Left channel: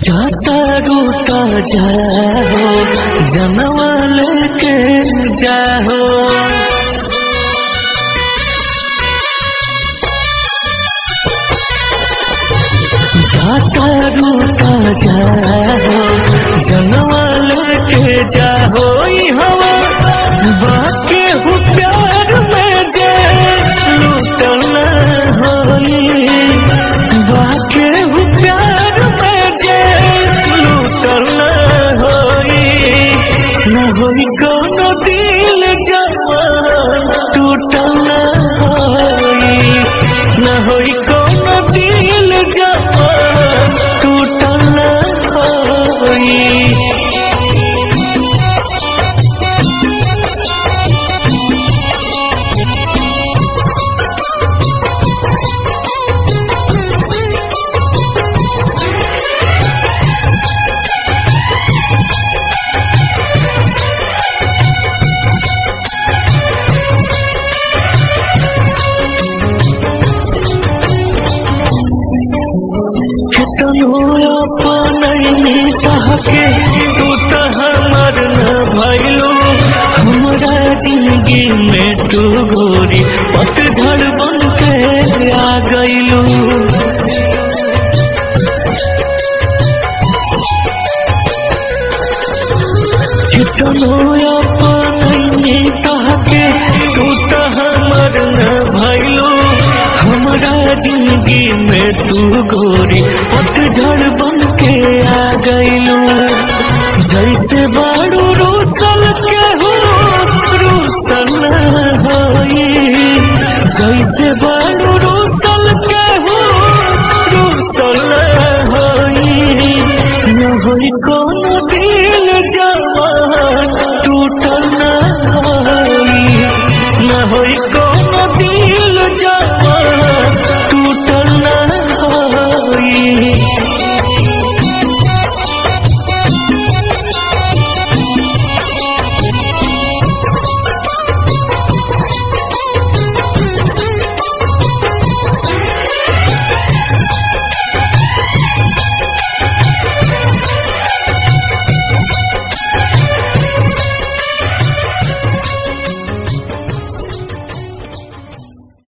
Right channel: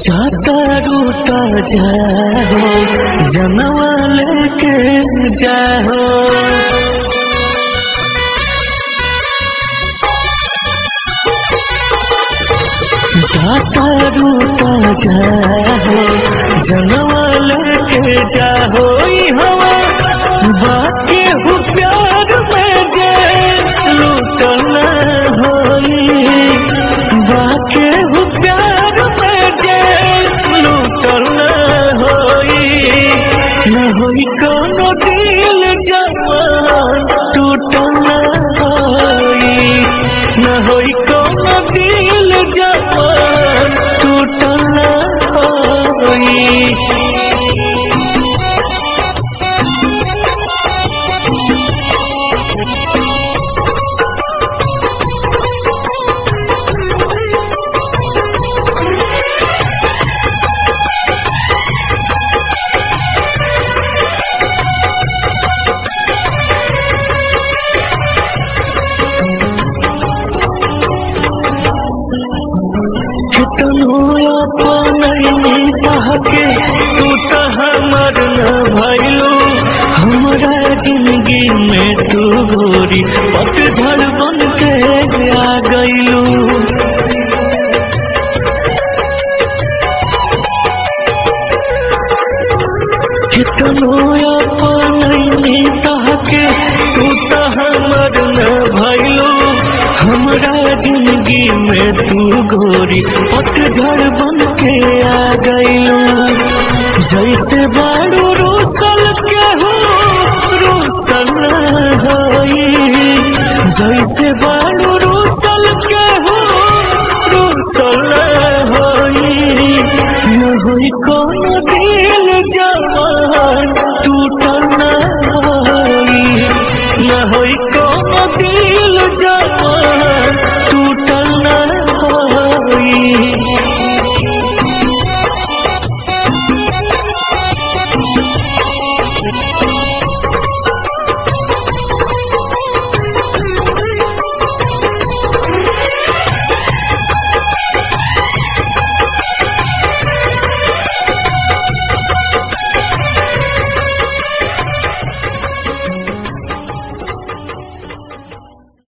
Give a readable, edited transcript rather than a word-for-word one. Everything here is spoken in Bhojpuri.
जाता रूता जाओ जनवा लेके जाओ, जाता रूता जाओ जनवा लेके जाओ। हवा बाके हो प्यार में जे लूटल होई, बाके हो प्यार में जे लूटल होई। न होई कोनो दिल जवान टूटल होई, न होई कोनो दिल जवान टूटल होई। के तू तो हमर न भइलू, हमरा जिंदगी में तू गोरी पतझड़ बन के आ गइलू। कितनो अपनैनी तहके तू तो हमर न भइलू, हमरा जिंदगी में तू गोरी पतझड़ बन के आ गइलू। जैसे बारू रूसल के हो रूसल होई, जैसे बारू रूसल के हो रूसल होई। न होई कोनो दिल जवान टूटल होई, न होई कोनो दिल जवान टूटल होई।